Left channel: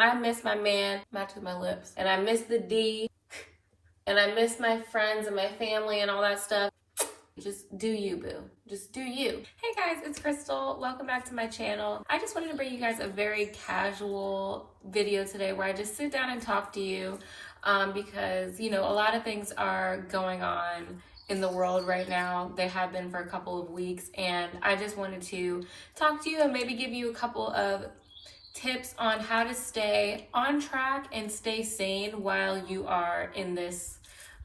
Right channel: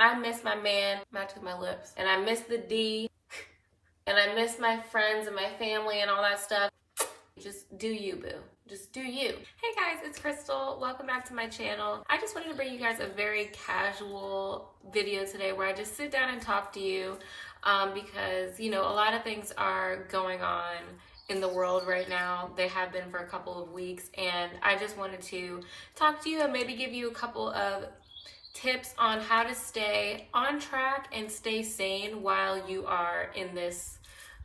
I miss my man, matching my lips, and I miss the D, and I miss my friends and my family and all that stuff. Just do you, boo. Just do you. Hey guys, it's Crystal. Welcome back to my channel. I just wanted to bring you guys a very casual video today where I just sit down and talk to you because, you know, a lot of things are going on in the world right now. They have been for a couple of weeks, and I just wanted to talk to you and maybe give you a couple of tips on how to stay on track and stay sane while you are in this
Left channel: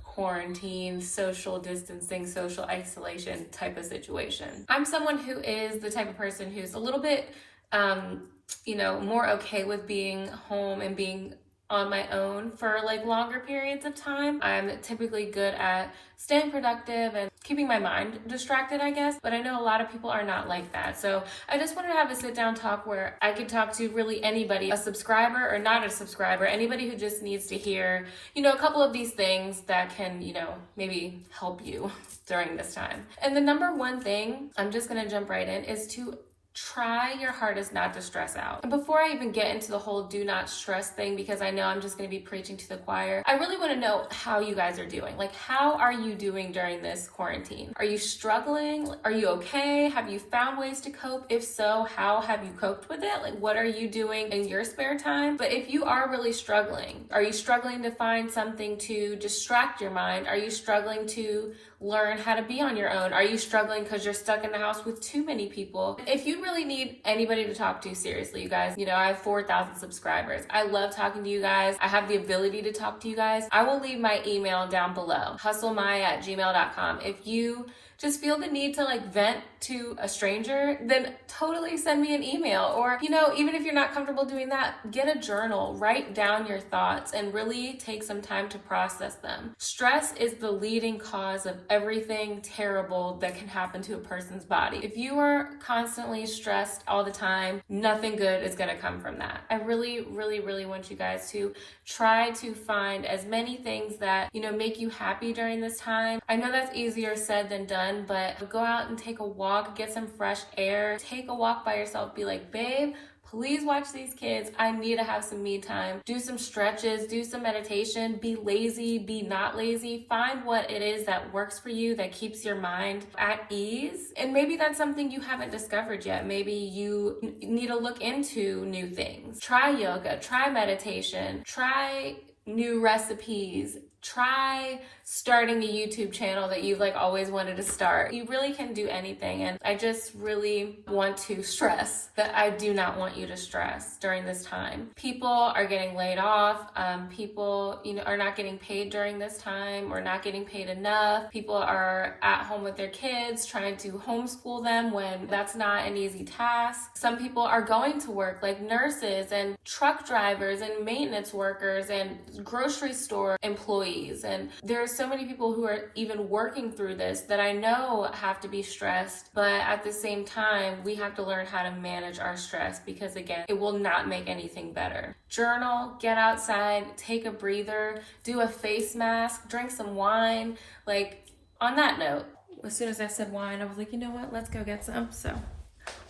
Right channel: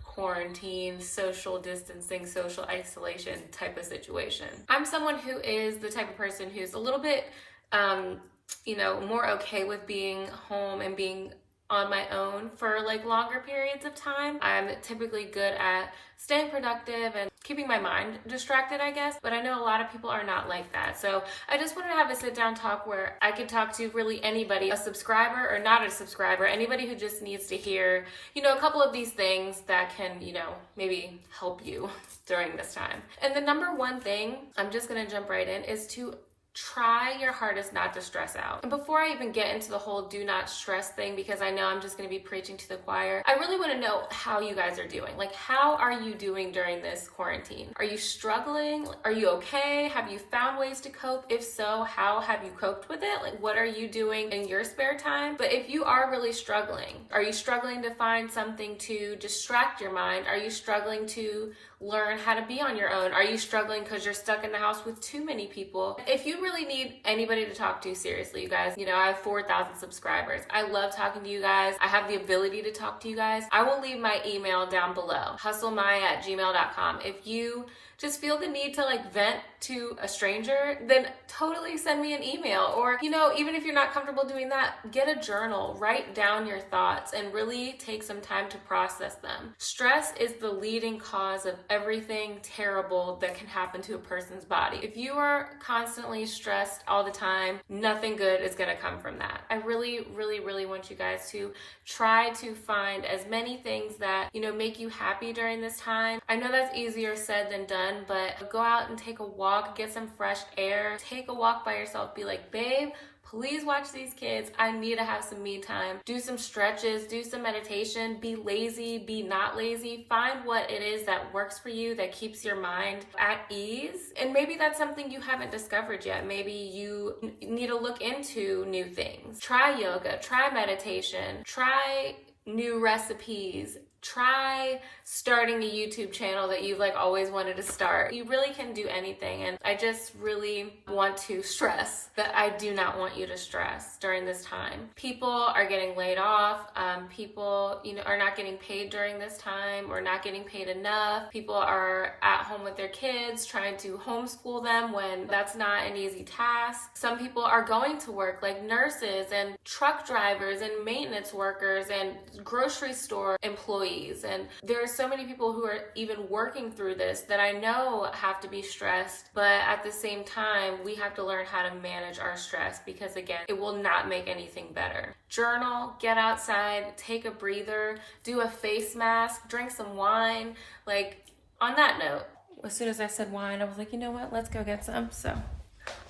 quarantine, social distancing, social isolation type of situation. I'm someone who is the type of person who's a little bit, you know, more okay with being home and being on my own for like longer periods of time. I'm typically good at staying productive and keeping my mind distracted, I guess, but I know a lot of people are not like that. So I just wanted to have a sit down talk where I could talk to really anybody, a subscriber or not a subscriber, anybody who just needs to hear, you know, a couple of these things that can, you know, maybe help you during this time. And the number one thing, I'm just gonna jump right in, is to try your hardest not to stress out. And before I even get into the whole do not stress thing, because I know I'm just going to be preaching to the choir, I really want to know how you guys are doing. Like, how are you doing during this quarantine? Are you struggling? Are you okay? Have you found ways to cope? If so, how have you coped with it? Like, what are you doing in your spare time? But if you are really struggling, are you struggling to find something to distract your mind? Are you struggling to learn how to be on your own? Are you struggling because you're stuck in the house with too many people? If you really need anybody to talk to, seriously, you guys, you know, I have 4,000 subscribers. I love talking to you guys. I have the ability to talk to you guys. I will leave my email down below, hustlemaya@gmail.com. If you just feel the need to like vent to a stranger, then totally send me an email. Or, you know, even if you're not comfortable doing that, get a journal, write down your thoughts and really take some time to process them. Stress is the leading cause of everything terrible that can happen to a person's body. If you are constantly stressed all the time, nothing good is gonna come from that. I really want you guys to try to find as many things that, you know, make you happy during this time. I know that's easier said than done, but go out and take a walk, get some fresh air, take a walk by yourself, be like, babe, please watch these kids. I need to have some me time. Do some stretches, do some meditation, be lazy, be not lazy. Find what it is that works for you, that keeps your mind at ease. And maybe that's something you haven't discovered yet. Maybe you need to look into new things. Try yoga, try meditation, try new recipes, try starting a YouTube channel that you've like always wanted to start. You really can do anything, and I just really want to stress that I do not want you to stress during this time. People are getting laid off. People, you know, are not getting paid during this time or not getting paid enough. People are at home with their kids trying to homeschool them when that's not an easy task. Some people are going to work, like nurses and truck drivers and maintenance workers and grocery store employees. And there are so many people who are even working through this that I know have to be stressed, but at the same time, we have to learn how to manage our stress, because again, it will not make anything better. Journal, get outside, take a breather, do a face mask, drink some wine. Like, on that note, as soon as I said wine, I was like, you know what? Let's go get some. So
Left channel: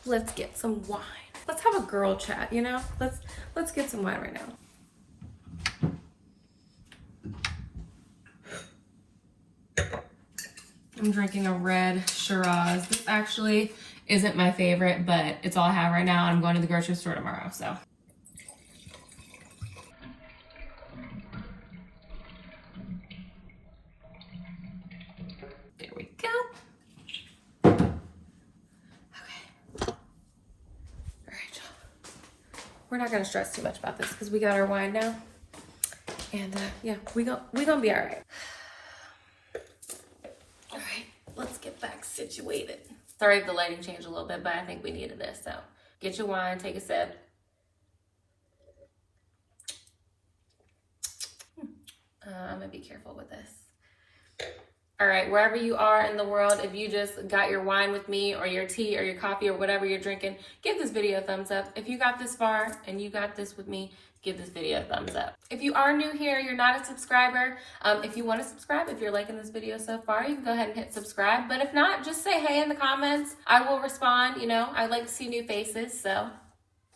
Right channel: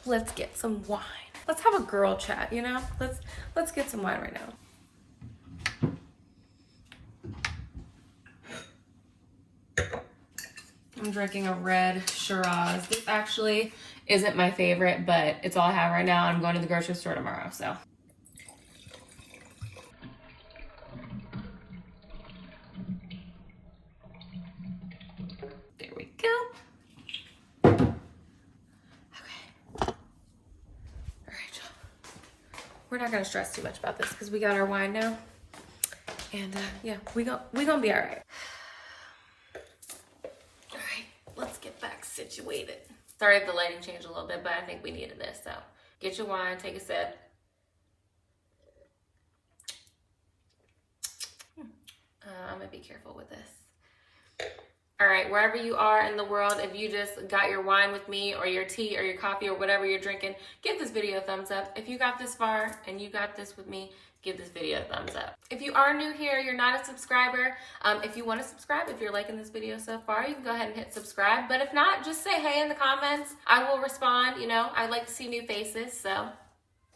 let's get some wine. Let's have a girl chat, you know? Let's get some wine right now. I'm drinking a red Shiraz. This actually isn't my favorite, but it's all I have right now. I'm going to the grocery store tomorrow, so. There we go. Okay. All right, y'all. We're not gonna stress too much about this because we got our wine now. And yeah, we gonna be all right. Let's get back situated. Sorry if the lighting changed a little bit, but I think we needed this. So get your wine, take a sip. I'm gonna be careful with this. All right, wherever you are in the world, if you just got your wine with me or your tea or your coffee or whatever you're drinking, give this video a thumbs up. If you got this far and you got this with me, give this video a thumbs up. If you are new here, you're not a subscriber, if you want to subscribe, if you're liking this video so far, you can go ahead and hit subscribe. But if not, just say hey in the comments. I will respond. You know, I like to see new faces, so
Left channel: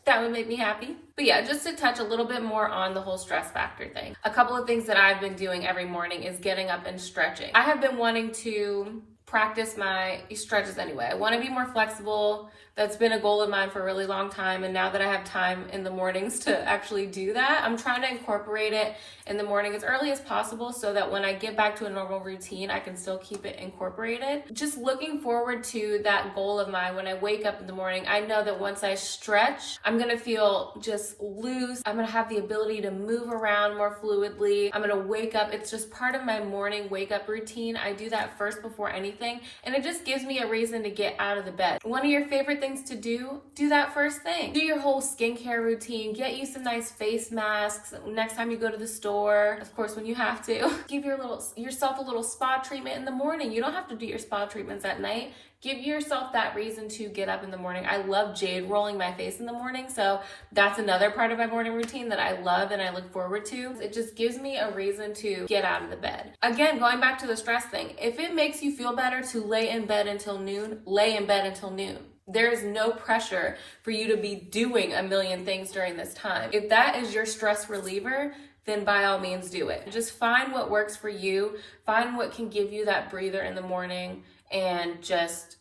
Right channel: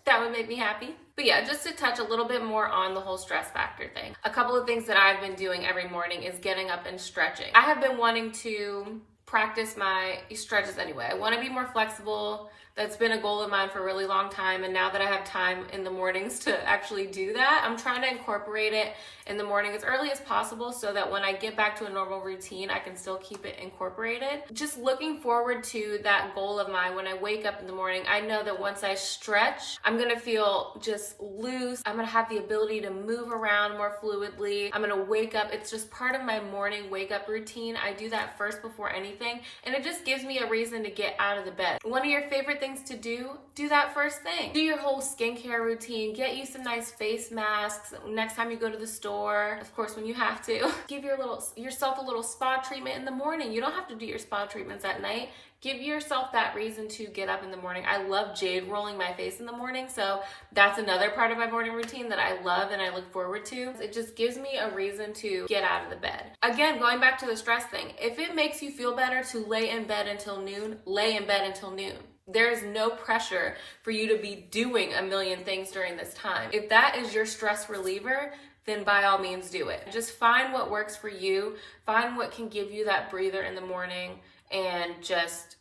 That would make me happy. But yeah, just to touch a little bit more on the whole stress factor thing. A couple of things that I've been doing every morning is getting up and stretching. I have been wanting to practice my stretches anyway. I want to be more flexible. That's been a goal of mine for a really long time. And now that I have time in the mornings to actually do that, I'm trying to incorporate it in the morning as early as possible so that when I get back to a normal routine, I can still keep it incorporated. Just looking forward to that goal of mine. When I wake up in the morning, I know that once I stretch, I'm going to feel just loose. I'm going to have the ability to move around more fluidly. I'm going to wake up. It's just part of my morning wake up routine. I do that first before anything, and it just gives me a reason to get out of the bed. One of your favorite things to do that first thing. Do your whole skincare routine. Get you some nice face masks next time you go to the store. Of course, when you have to. Give yourself a little spa treatment in the morning. You don't have to do your spa treatments at night. Give yourself that reason to get up in the morning. I love jade rolling my face in the morning, so that's another part of my morning routine that I love and I look forward to. It just gives me a reason to get out of the bed. Again, going back to the stress thing, if it makes you feel better to lay in bed until noon, lay in bed until noon. There is no pressure for you to be doing a million things during this time. If that is your stress reliever, then by all means do it. Just find what works for you. Find what can give you that breather in the morning and just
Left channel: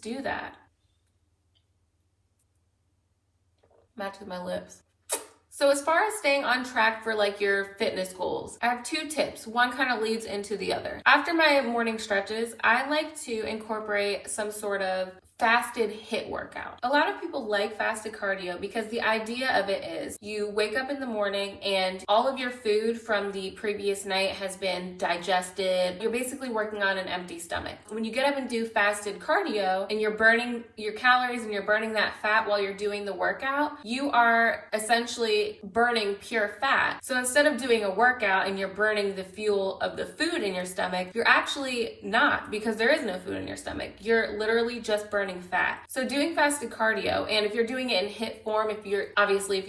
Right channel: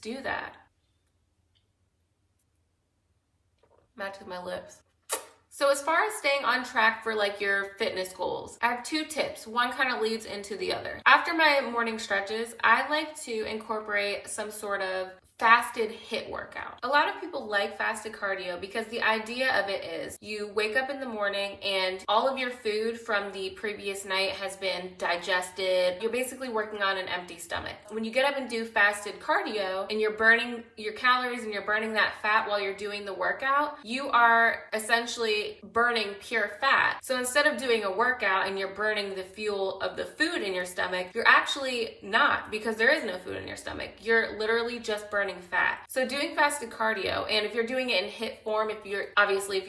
do that. Match with my lips. So as far as staying on track for like your fitness goals, I have two tips. One kind of leads into the other. After my morning stretches, I like to incorporate some sort of fasted HIIT workout. A lot of people like fasted cardio because the idea of it is you wake up in the morning and all of your food from the previous night has been digested. You're basically working on an empty stomach. When you get up and do fasted cardio and you're burning your calories and you're burning that fat while you're doing the workout, you are essentially burning pure fat. So instead of doing a workout and you're burning the fuel of the food in your stomach, you're actually not, because there is no food in your stomach. You're literally just burning fat. So doing fasted cardio, and if you're doing it in HIIT form, if you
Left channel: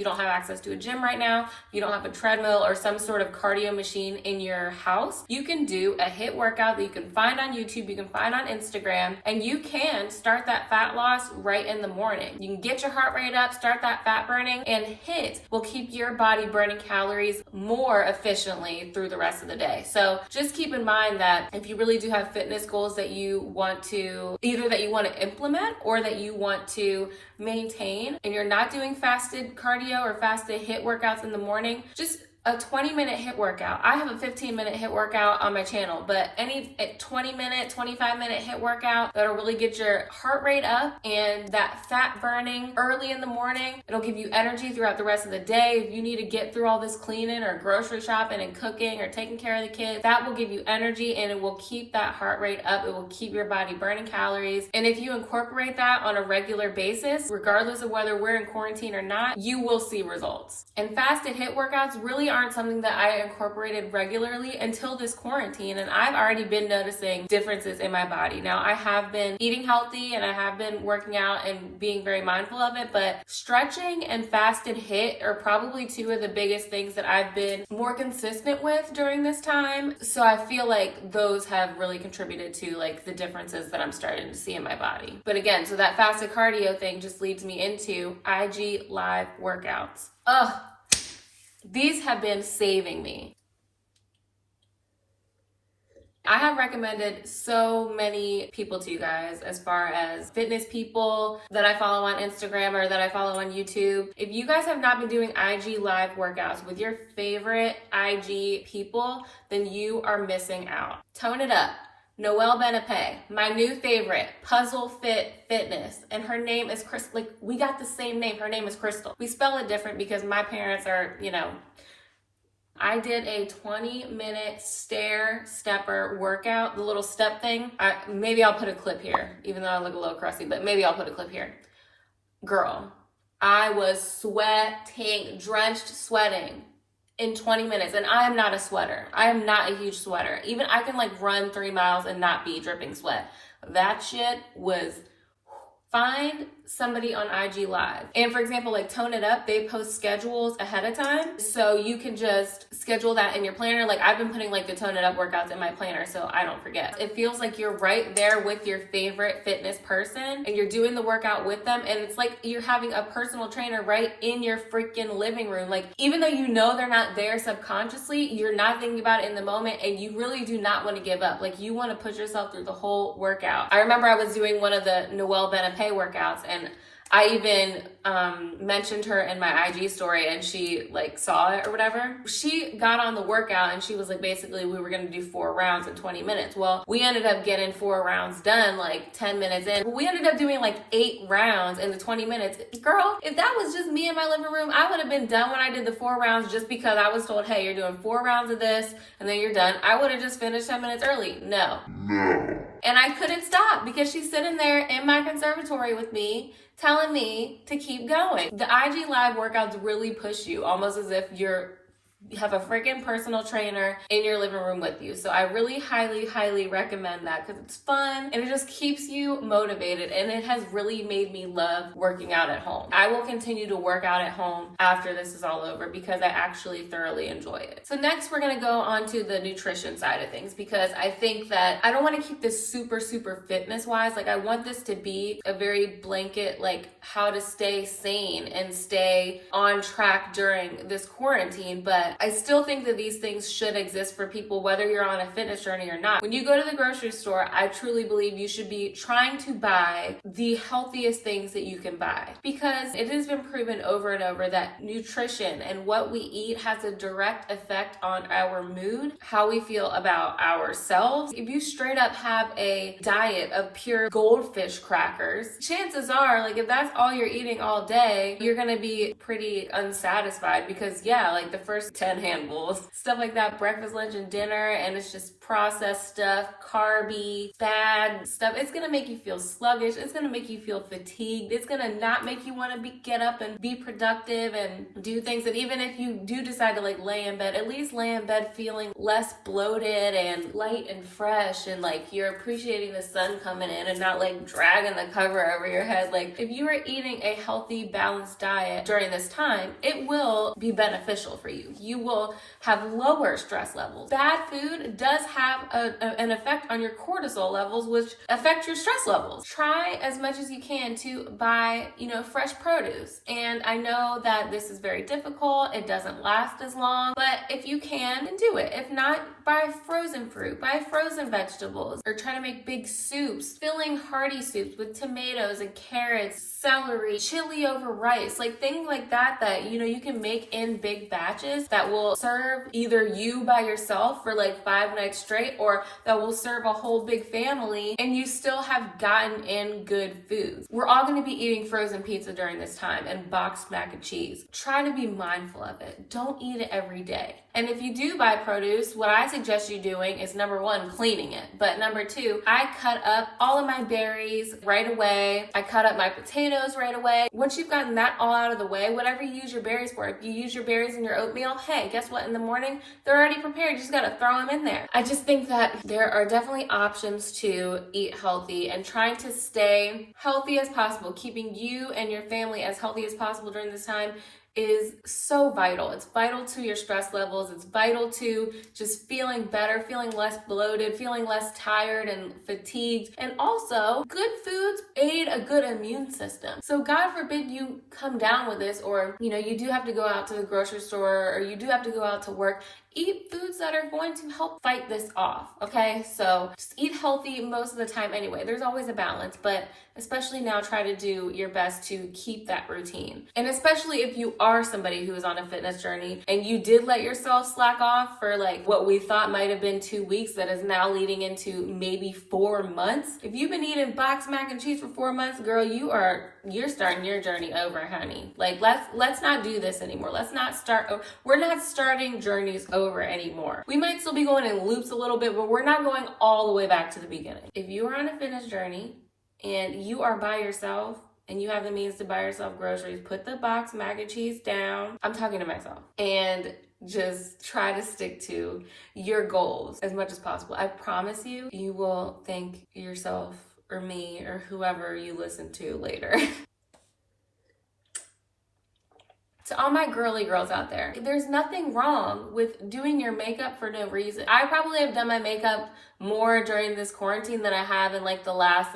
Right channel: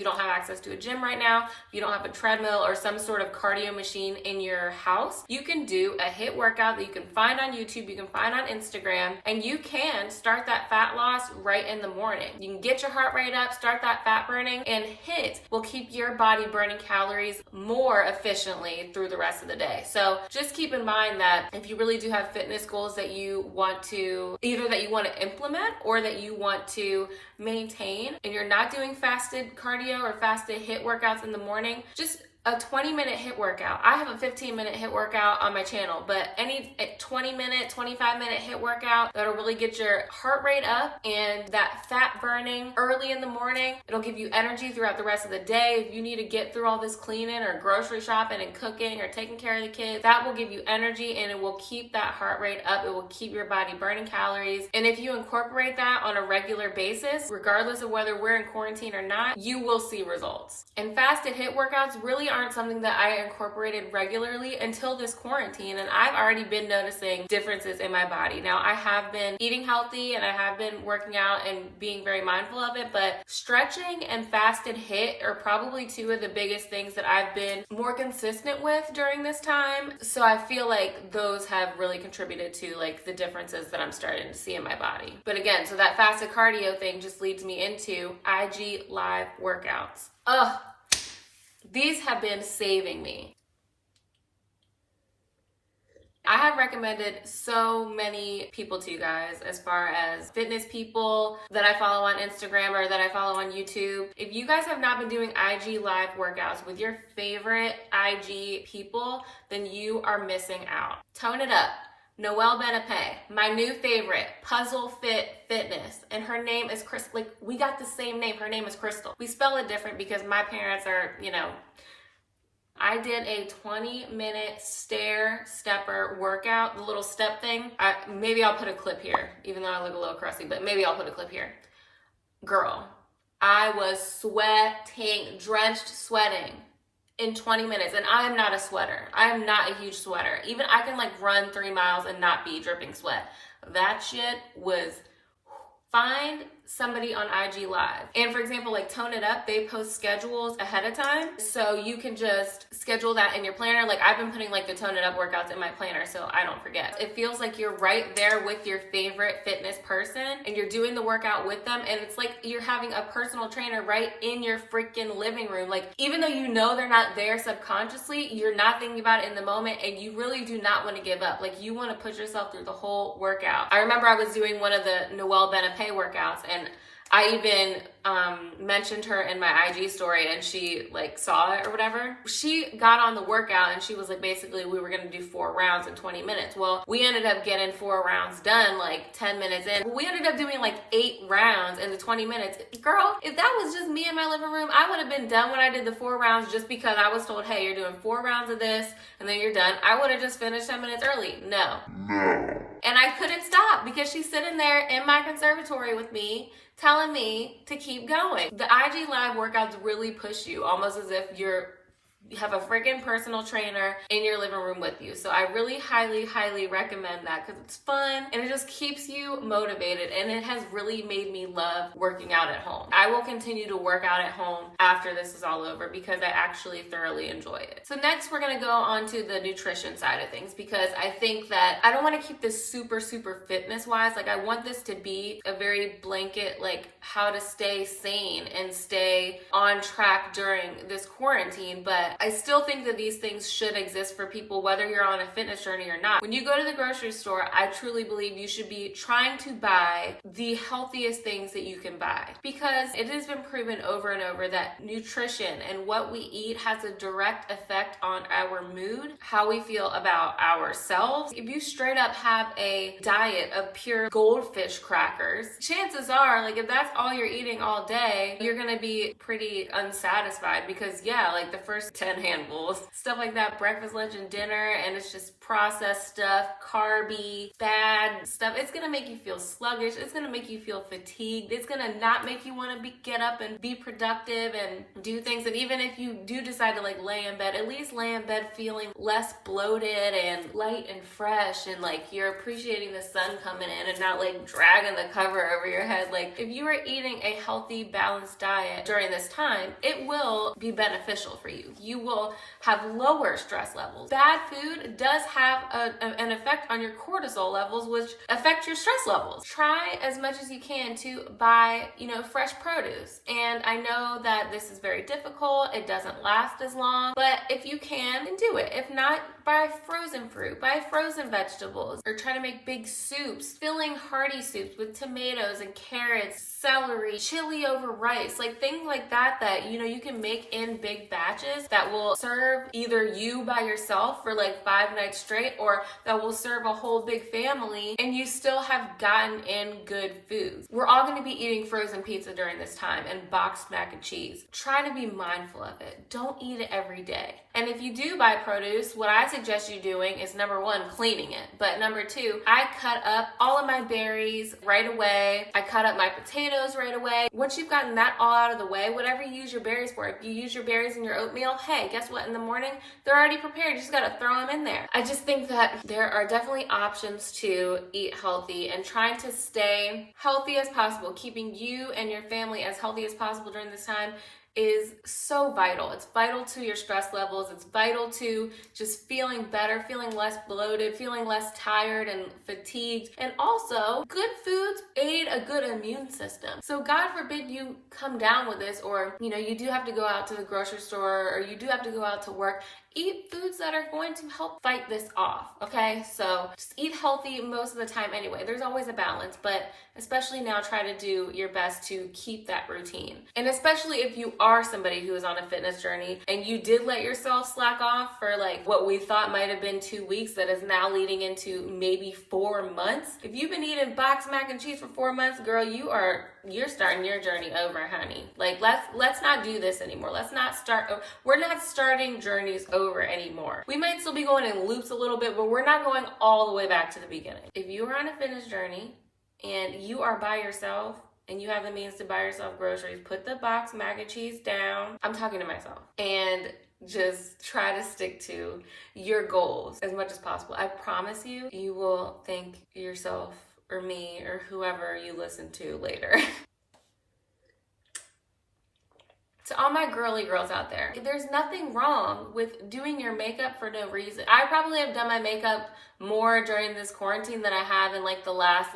don't have access to a gym right now, if you don't have a treadmill or some sort of cardio machine in your house, you can do a HIIT workout that you can find on YouTube, you can find on Instagram, and you can start that fat loss right in the morning. You can get your heart rate up, start that fat burning, and HIIT will keep your body burning calories more efficiently through the rest of the day. So just keep in mind that if you really do have fitness goals that you want to implement or that you want to maintain, and you're not doing fasted cardio or fasted HIIT workouts in the morning, just a 20-minute HIIT workout. I have a 15-minute HIIT workout on my channel, but any 20-minute, 25-minute HIIT workout that'll really get your heart rate up and that fat burning early in the morning. It'll give you energy throughout the rest of the day. If you need to get through all this cleaning or grocery shopping and cooking or taking care of the kids, that will give you energy and it will keep that heart rate up. It will keep your body burning calories. And if you incorporate that on a regular basis, regardless of whether we're in quarantine or not, you will see results. And fasted HIIT workouts really aren't something that I incorporated regularly until this quarantine, and I've already been noticing differences in my body. Now, I have been eating healthy and I have been working out and being very mindful of it, but stretching and fasted HIIT are probably two of the biggest things that I've been more consistent with during this time. So I feel like those have really contributed to like the differences that I'm starting to see in my body. But again, so that fasted cardio thing just leads me into IG live workouts. These have been saving me. I have recommended so many people to you guys as far as fitness people that I follow on Instagram or that I follow on YouTube. If you guys have not been doing IG live workouts with your favorite IG people, then you are missing out. Tone It Up. Noelle Benepe, my new favorite, Puzzle Fit Fitness, and her name is Crystal. Like, we got the same name. Her name is Crystal. We spell it different because my parents are, I did a 20-minute stepper workout, the little step thing. Maybe I'll put a clip here, even though I look a little crusty, but maybe I'll put a clip here. Girl, I was sweating, drenched sweating in 20 minutes, and I am not a sweater. I am not a huge sweater. Even I can like run 3 miles and not be dripping sweat. That shit was. Find somebody on IG Live. And for example, like Tone It Up, they post schedules ahead of time. So you can just schedule that in your planner. Like I've been putting like the Tone It Up workouts in my planner so I don't forget. It feels like you're right there with your favorite fitness person and you're doing the workout with them, and it's like you're having a personal trainer right in your freaking living room. Like even though you know they're not there subconsciously, you're not thinking about it in the moment, and you really do not want to give up. Like you want to push yourself through the whole workout. I remember I was doing one of the Benepe workouts, and I even mentioned her in my IG story, and she like saw it or whatever. She got on the workout and she was like, basically we were gonna do 4 rounds in 20 minutes. Well, we ended up getting 4 rounds done like 10 minutes in. We ended up doing like 8 rounds in the 20 minutes. Girl, if that was just me in my living room, I would have been done when I did the 4 rounds just because I was told, hey, you're doing 4 rounds of this and then you're done. I would have just finished 10 minutes early. No. And I couldn't stop because she's sitting there in my conservatory with me telling me to keep going. The IG Live workouts really push you, almost as if you have a freaking personal trainer in your living room with you. So I really highly recommend that because it's fun and it just keeps you motivated, and it has really made me love working out at home. I will continue to work out at home after this is all over because I actually thoroughly enjoy it. So next we're gonna go on to the nutrition side of things, because I think that I don't want to keep this super fitness wise. Like I want this to be a very blanket, like how to stay sane and stay on track during this quarantine, but I still think that these things should exist for people, whether you're on a fitness journey or not. When you go to the grocery store, I truly believe you should be trying to buy the healthiest things that you can buy, because it has been proven over and over that nutrition and what we eat has a direct effect on our mood, how we feel about ourselves. If you straight up have a diet of pure goldfish crackers, chances are, like if that's all you're eating all day, you're gonna be pretty unsatisfied, because yeah, like the first 10 handfuls, stuff like that, breakfast, lunch, and dinner, and it's just processed stuff, carby, bad stuff. It's gonna make you feel sluggish. It's gonna make you feel fatigued. It's gonna not make you want to get up and be productive and do things. And even if you do decide to like lay in bed, at least lay in bed feeling less bloated and light and fresh, and like you're appreciating the sun coming in and not like dragging the cover over your head. Like if you are eating a healthy, balanced diet during this time, it will be beneficial for you. You will have lower stress levels. Bad food does have an effect on your cortisol levels, which affect your stress levels. Try as much as you can to buy, fresh produce. And I know that this is very difficult. It doesn't last as long, but if you can, then do it. If not, buy frozen fruit, buy frozen vegetables, or try to make big soups, filling hearty soups with tomatoes and carrots, celery, chili over rice, like things like that you can make in big batches that will serve either you by yourself for like 5 nights straight, or that will serve a whole big family, and you still have gotten in good foods. We're all going to be eating frozen pizza during this time and boxed mac and cheese. Try to be mindful of it. Don't eat it every day. And if you do buy produce, what I suggest you doing is number 1, cleaning it. But number 2, I cut up all of my berries right away. I cut up my potatoes right away. Once you've gotten that all out of the way, whatever you use your berries for, if you use your berries in your oatmeal, hey, guess what? In the morning, they're already prepared. You just got to throw them in there. I just think that there are definitely options to eat healthy, and trying to stay healthy as possible, keeping you and your family as healthy as possible during this time is so vital. It's vital to your stress levels. It's vital to just feeling better, feeling less bloated, feeling less tired and fatigued. And also, good foods aid a good immune system. So God forbid you come down with this, or you do have to go out to the grocery store, or you do have to go out to work. Eat foods that are going to help fight this off, okay? So just eat healthy most of the time anyway. There's always a balance, but especially now, try to do your best to keep that routine. And especially if you are somebody who is on a fitness journey and you did let yourself slack off for like what we thought might have been 2 weeks that is now leading into maybe 4 months. If you've been eating boxed mac and cheese for 4 months, girl, you're starting your journey over, honey. Like let's not do this anymore. We're not starting journeys over anymore. We might still be going in loops a little bit, but we're not going all the way back to the beginning. If you are on a fitness journey and you are by yourself and you have the means to buy yourself groceries, put the boxed mac and cheese down. I'm talking to myself. And just try to stick to your goals as much as possible. I promise you will thank yourself or me or whoever you listen to later. To all my girly girls out there, there's nothing wrong with doing your makeup for no reason. I probably have done my makeup more during this quarantine than I have in like the last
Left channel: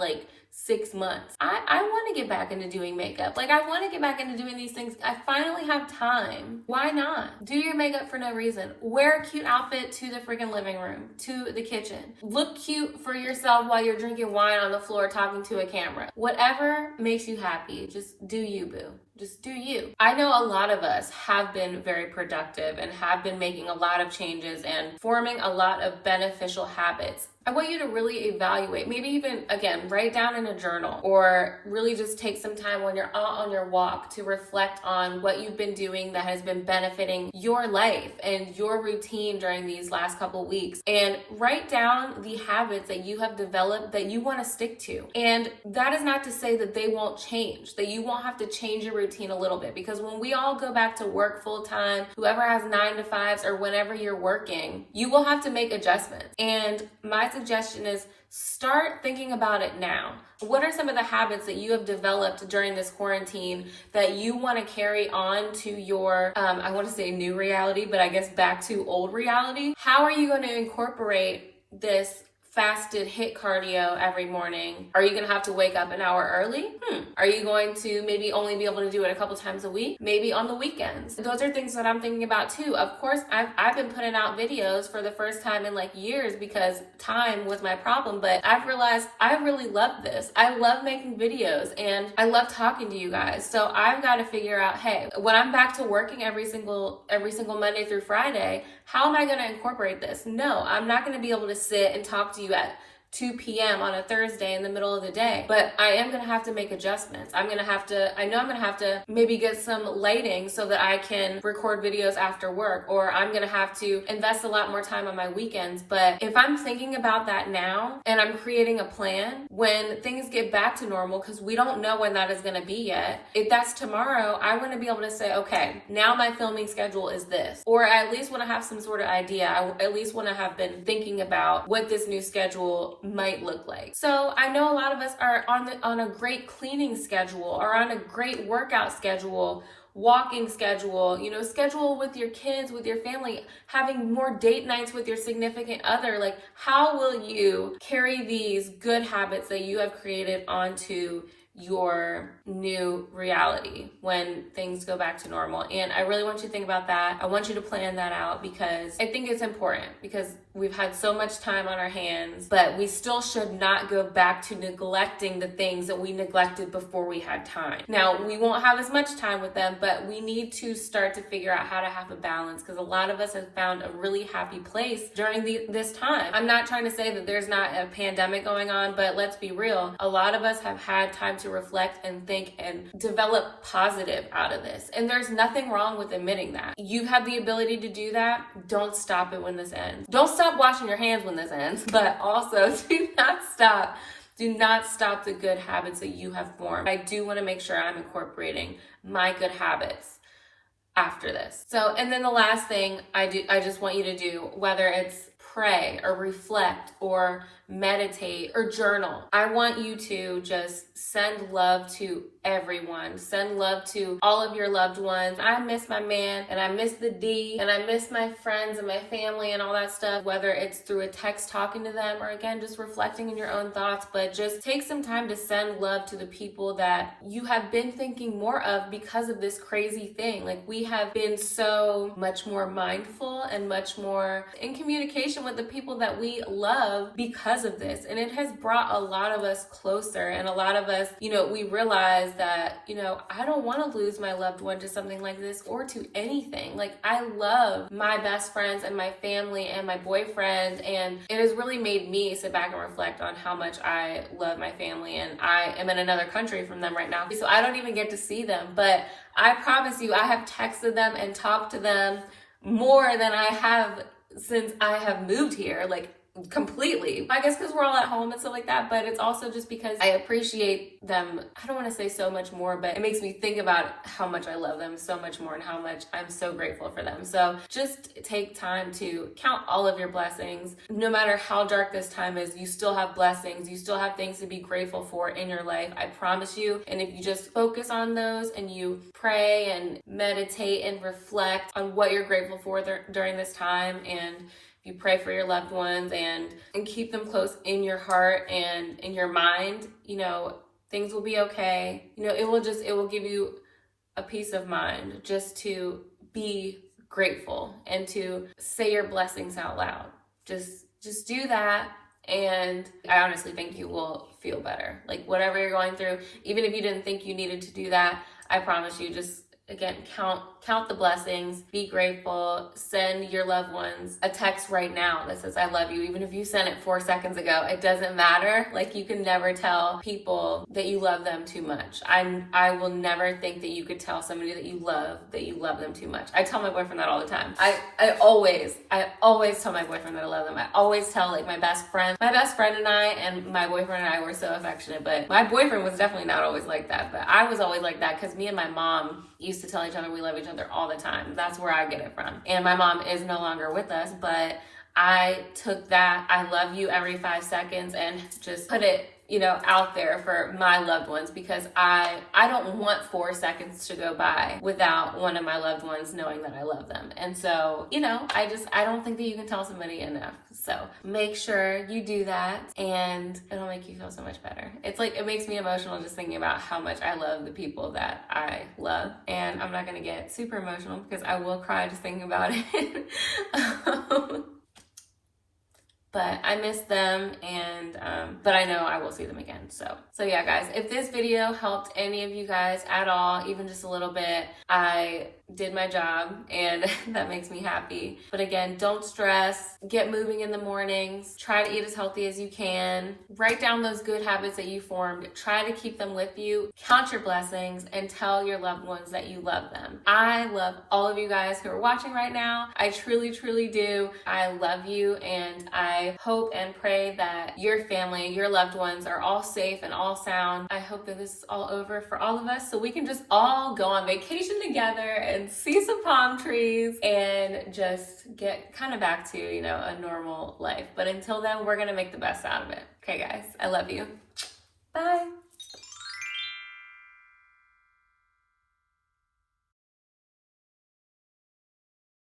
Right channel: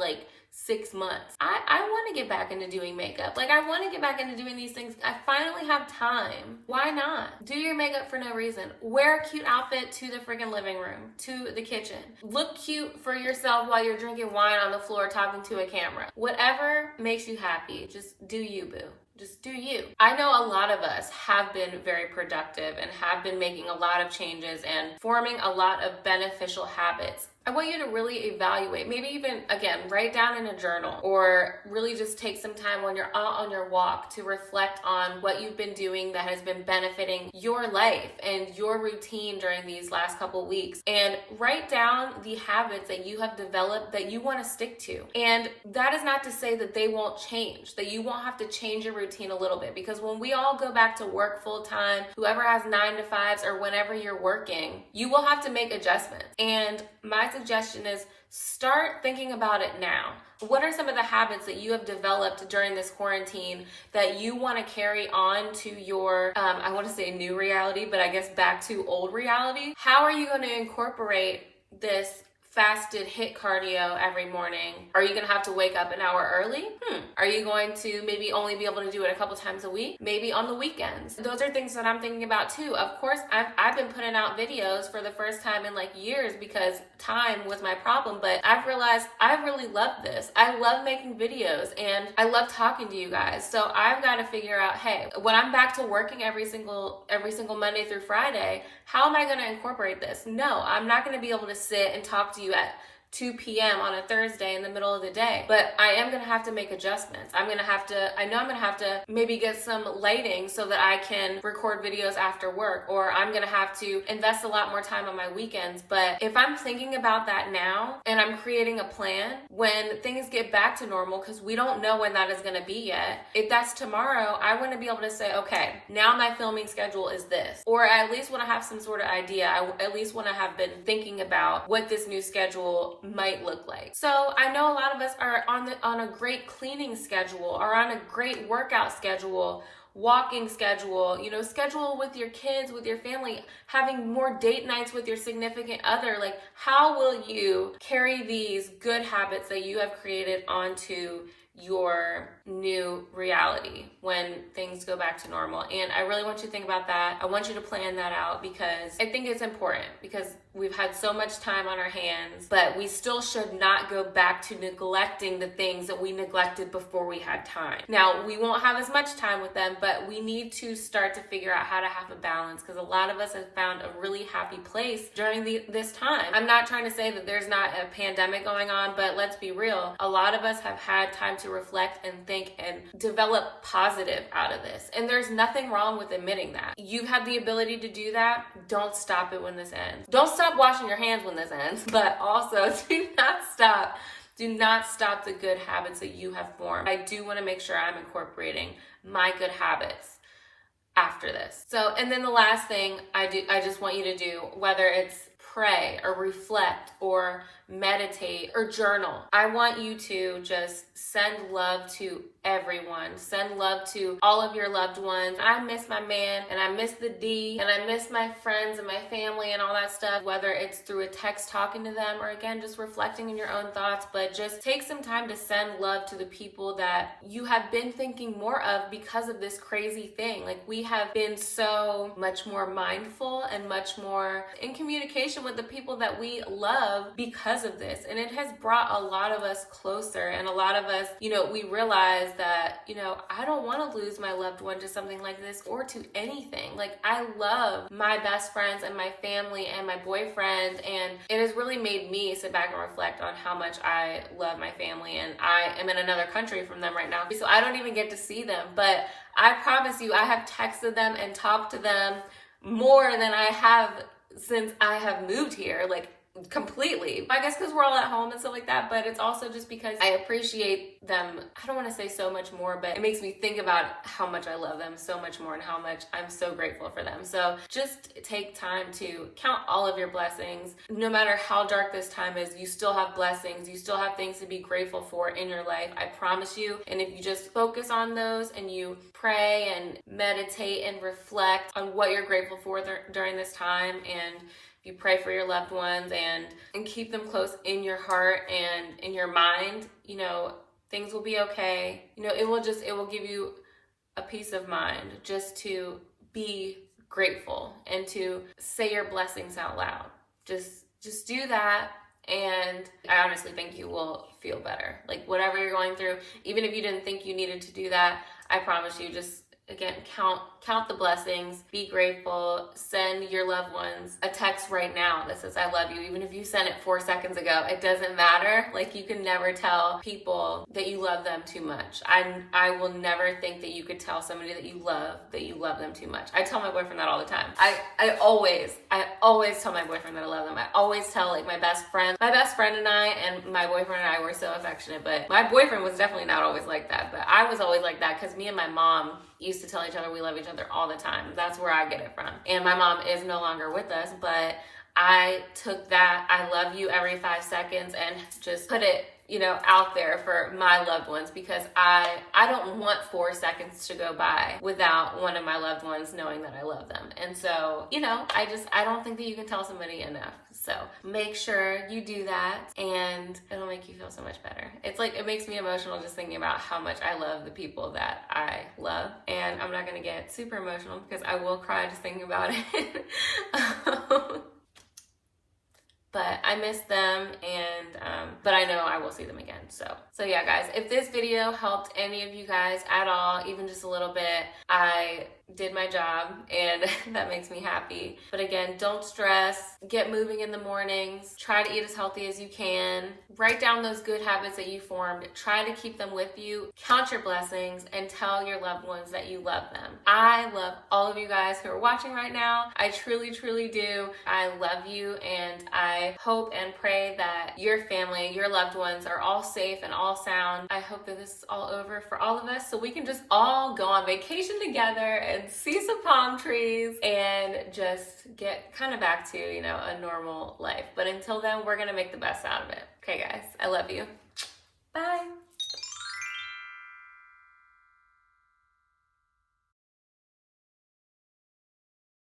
6 months. I want to get back into doing makeup. Like, I want to get back into doing these things. I finally have time. Why not? Do your makeup for no reason. Wear a cute outfit to the freaking living room, to the kitchen. Look cute for yourself while you're drinking wine on the floor talking to a camera. Whatever makes you happy, just do you, boo. Just do you. I know a lot of us have been very productive and have been making a lot of changes and forming a lot of beneficial habits. I want you to really evaluate, maybe even, again, write down in a journal, or really just take some time when you're out on your walk to reflect on what you've been doing that has been benefiting your life and your routine during these last couple weeks, and write down the habits that you have developed that you want to stick to. And that is not to say that they won't change, that you won't have to change your routine a little bit, because when we all go back to work full time, whoever has 9 to 5s or whenever you're working, you will have to make adjustments. And my suggestion is start thinking about it now. What are some of the habits that you have developed during this quarantine that you want to carry on to your, I want to say new reality, but I guess back to old reality? How are you going to incorporate this fasted HIIT cardio every morning? Are you going to have to wake up an hour early? Are you going to maybe only be able to do it a couple times a week? Maybe on the weekends? Those are things that I'm thinking about too. Of course, I've been putting out videos for the first time in years because time was my problem, but I've realized I really love this. I love making videos and I love talking to you guys. So I've got to figure out, hey, when I'm back to working every single Monday through Friday, how am I going to incorporate this? No, I'm not going to be able to sit and talk to you at 2 p.m. on a Thursday in the middle of the day. But I am going to have to make adjustments. I know I'm going to have to maybe get some lighting so that I can record videos after work, or I'm going to have to invest a lot more time on my weekends. But if I'm thinking about that now and I'm creating a plan, when things get back to normal, because we don't know when that is going to be yet, if that's tomorrow, I want to be able to say, okay, now my filming schedule is this, or I at least want to have some sort of idea. I at least want to have been thinking about what this new schedule might look like. So I know a lot of us are on a great cleaning schedule, or on a great workout schedule, walking schedule, schedule with your kids, with your family, having more date nights with your significant other. How will you carry these good habits that you have created onto your new reality when things go back to normal? And I really want you to think about that. I want you to plan that out, because I think it's important, because we've had so much time on our hands, but we still should not go back to neglecting the things that we neglected before we had time. Now, we won't have as much time with them, but we need to start to figure out how to have a balance, because a lot of us have found a really happy place during this time. I'm not trying to say that there's not a pandemic going on, but let's be real. A lot of us have had time to reflect and think and develop positive out of this. And there's nothing wrong with admitting that. You have the ability to do that. Don't stop it when this ends. Don't stop washing your hands when this ends, but also do not stop the good habits that you have formed. I do want to make sure I'm incorporating my good habits after this. So, and then the last thing I just want you to do, whether it's pray or reflect or meditate or journal, I want you to just send love to everyone. Send love to all of your loved ones. I miss my man, and I miss the D, and I miss my friends and my family and all that stuff, whether it's through a text talking to them, or again, just reflecting in your own thoughts. But just take some time to send love to the people that you have been thinking more of because of this crazy thing. We have been so much more mindful and much more in communication with the people that we love because of this. And it has brought a lot of us closer, and a lot of us, we realize that, I don't want to lose my loved one to something like this, or to anything. I love my best friends and my family and my boyfriend, and it has really made me sit back and reflect on how much I love my family, and I am in another country from them right now, so I don't even get to see them. But I promise you, I have texted them and talked to them more than I have since I have moved here, completely. I guess because we're all at home and stuff like that, but it's also just because I appreciate them. I don't want to say so much more, but it makes me think about how much I love them so much more and how much I'm so grateful for them. So just take time to count all of your blessings. No matter how dark this time is, you still have blessings. You still have things to be grateful for in your life. I promise you. And if you just focus on those and you pray and meditate and reflect on what you're grateful for during this time, and you pray for your loved ones and keep them close in your heart and in your mind, you know, things will be okay. You know, it will give you a peace of mind just to be grateful and to say your blessings out loud. Just do that, and I honestly think you will feel better. Like, whatever you're going through, even if you didn't think you needed to do that, I promise you, just again, count the blessings, be grateful, send your loved ones a text right now that says, I love you. Even if you sent it 4 seconds ago, it doesn't matter. Like, you can never tell people that you love them too much. I will never think that you could tell somebody that you love them too much. I tell my boyfriend that all the time. I always tell my boyfriend that I love them. I always tell, like, my best friend and my boyfriend and I were so affectionate, but my boyfriend was definitely not always like that. But I was always like that because me and my mom used to tell each other we love each other all the time. That's where I get it from. And my mom is no longer with us, but I took that I love you every 5 seconds and just put it, you know, out there for my loved ones, because I don't want 4 seconds to go by without one of my loved ones knowing that I love them. And so, you know, I don't think that you can tell somebody enough. So make sure you do that, and it'll make you feel so much better. It's like, it makes me emotional just thinking about how much I love the people that I love. And I'm not gonna get super emotional because I will cry just thinking about it. But I miss them, and but I know I will see them again. So yeah, guys, if this video helped any of you guys at all, even just a little bit, I did my job, and that makes me happy. But again, don't stress. Get moving in the mornings. Try to eat as healthy as you can. Write down those good habits that you formed. Try to keep them with you. Count your blessings and tell your loved ones that you love them. I love all of you guys who are watching right now. I truly, truly do. I love you, and I hope and pray that your family, your loved ones are all safe and all sound. I hope that this is all over for all of us so we can just all go on vacation together and see some palm trees and just get kind of back to, you know, a normal life. But until then, we're gonna make the best out of it. Okay, guys, I love you. Bye.